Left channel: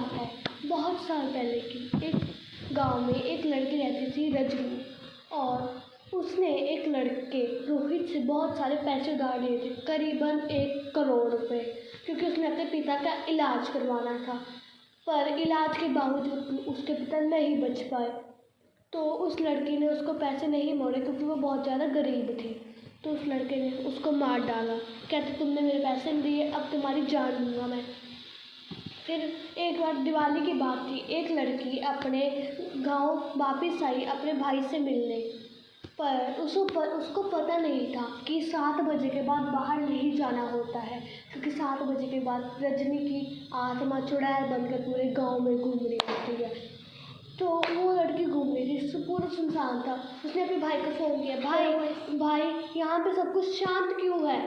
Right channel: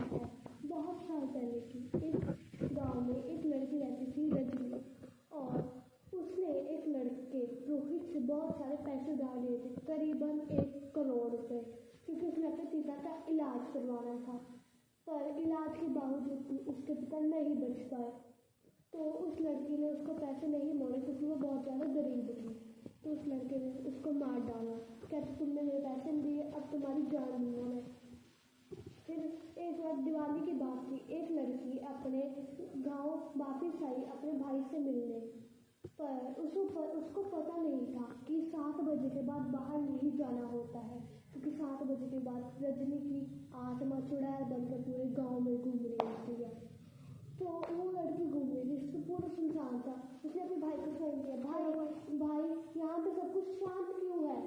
बात है बहुत साल पहले की। एक गांव में एक लड़की रहती थी रजनी, और उसने एक लड़के रोहित से बहुत सारे पैसे उधार लिए थे, करीबन 1 करोड़ रुपए, क्योंकि उसने अपने पिता का इलाज करवाना था। पर इलाज के बावजूद उसके पिता नहीं बच पाए, तो उस लड़की ने उसको पैसे नहीं मोड़े क्योंकि वो बहुत ज़्यादा गरीब थी। तो उस लड़के ने उसको मार डाला, कहते तुमने मेरे पैसे नहीं दिए, अब तुम्हारी जान लूँगा मैं। फिर एक बार दिवाली की बात थी, एक लड़की अपने गांव वापस आई अपने भाई से मिलने, पर उसको पता नहीं था कि 7 बजे के बाद बाहर नहीं जाना होता है, क्योंकि 7 बजे के बाद रजनी की आत्मा चुड़ैल बनकर पूरे गांव में घूम रही होती है। तो वो लड़की घूम रही थी, पूरा सुनसान था। उसने अपने भाई को फ़ोन किया, भाई यहाँ पे सब कुछ शांत क्यों है?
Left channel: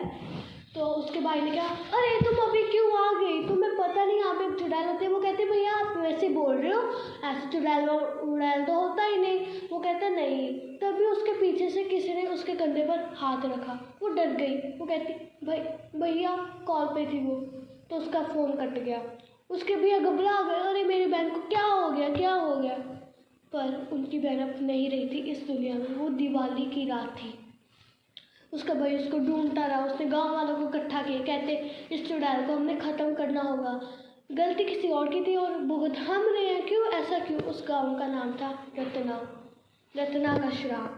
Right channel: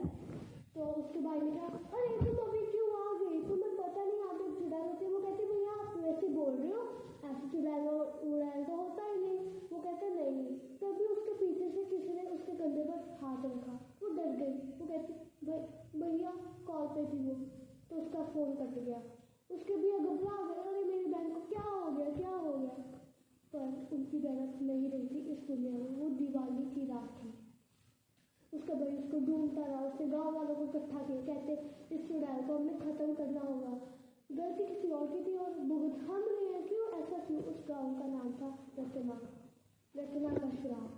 तो उसके भाई ने कहा, अरे तुम अभी क्यों आ गई, तुम्हें पता नहीं यहाँ पे चुड़ैल होते हैं? वो कहते भैया आप वैसे बोल रहे हो, ऐसे चुड़ैल उड़ैल तो होता ही नहीं। वो कहता नहीं। तभी उसके पीछे से किसी ने उसके कंधे पर हाथ रखा, वो डर गई। वो कहती भैया कॉल पे थी वो। तो उसका फ़ोन कट गया। उसके भैया घबरा गए, अरे मेरी बहन को क्या हो गया। पर उनकी बहन अब नहीं रही थी इस दुनिया में। वो दिवाली की रात थी। उसका भाई उसको ढूंढता रहा। उसने गांव वालों को इकट्ठा किया, कहते इस चुड़ैल को हमने ख़त्म करना होगा, गलती किसी और की थी और भुगत हम रहे हैं, क्यों ऐसा क्यों? उस गांव का नाम था रत्ना का श्राप।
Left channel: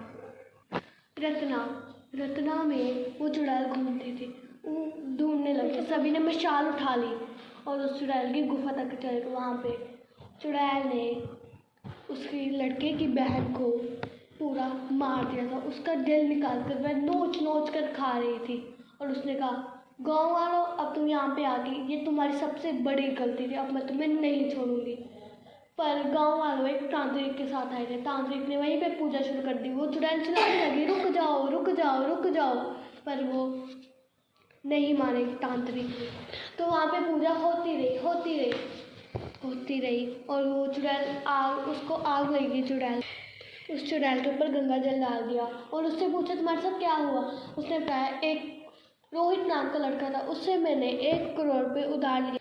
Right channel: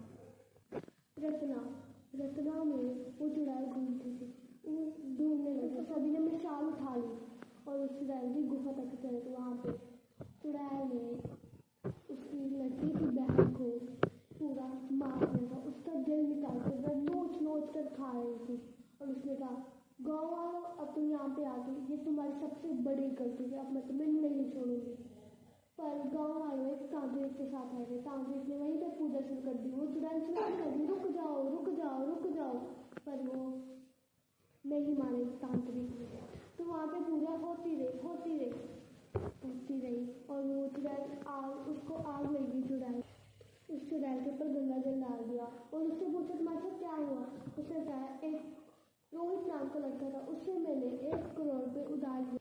रत्ना में वो चुड़ैल घूमती थी। वो ढूंढने लगे, सभी ने मशाल उठा ली और उस चुड़ैल की गुफा तक चले गए। वहाँ पे चुड़ैल ने उसकी लड़के की बहन को पूरा मार दिया था। उसका दिल निकाल कर वह नोच कर खा रही थी। और उसने कहा, गाँव वालों अब तुम यहाँ पे आ गई, ये तुम्हारी सबसे बड़ी गलती थी, अब मैं तुम्हें नहीं छोड़ूंगी। पर गांव वालों एक तांत्रिक के साथ आए थे। तांत्रिक ने वहीं पे पूजा शुरू कर दी। वो चुड़ैल चिल्लाने लगी, रुक जाओ। पर वो नहीं माने तांत्रिक। तो वहाँ पे पूजा होती रही और वो चुड़ैल उसको आग लगी। उस चुड़ैल के ऊपर गंगा जल डाल दिया और उससे पूछा तुम्हारे साथ क्या हुआ? उसने बताया एक रोहित नाम का लड़का था, उससे मैंने 1 करोड़ रुपये उधार लिए,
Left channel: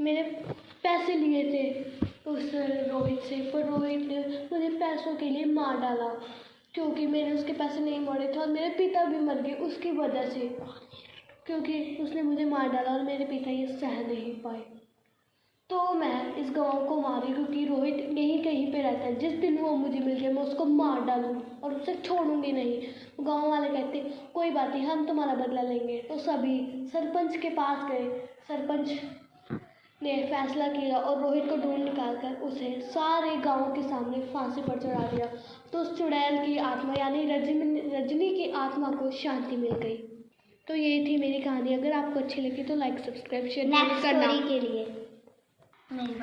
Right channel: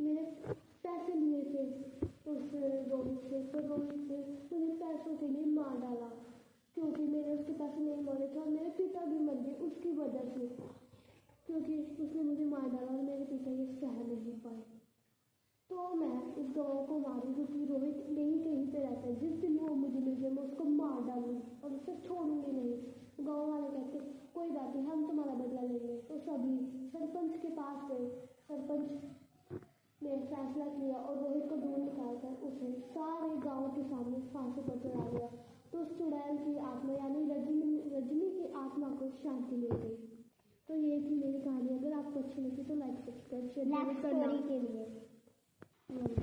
मैंने पैसे लिए थे उस रोहित से, पर रोहित ने मुझे पैसों के लिए मार डाला, क्योंकि मैंने उसके पैसे नहीं मोड़े थे और मेरे पिता भी मर गए उसकी वजह से, क्योंकि उसने मुझे मार डाला और मेरे पिता ये सह नहीं पाए। तो मैं इस गाँव को मारी क्योंकि रोहित यहीं कहीं पे रहता है। जिस दिन वो मुझे मिल गया मैं उसको मार डालूंगी और उसे छोड़ूंगी नहीं। गाँव वाले कहते कोई बात नहीं, हम तुम्हारा बदला लेंगे। तो सभी सरपंच के पास गए। सरपंच ने फैसला किया और रोहित को ढूंढ निकाल कर उसे सारे गाँव के सामने फांसी पर चढ़ा दिया। तो उस चुड़ैल की आत्मा यानी रजनी की आत्मा को शांति मिल गई। तो ये थी मेरी कहानी। अगर आपको अच्छी लगी तो लाइक सब्सक्राइब शेयर करना। के लिए नहीं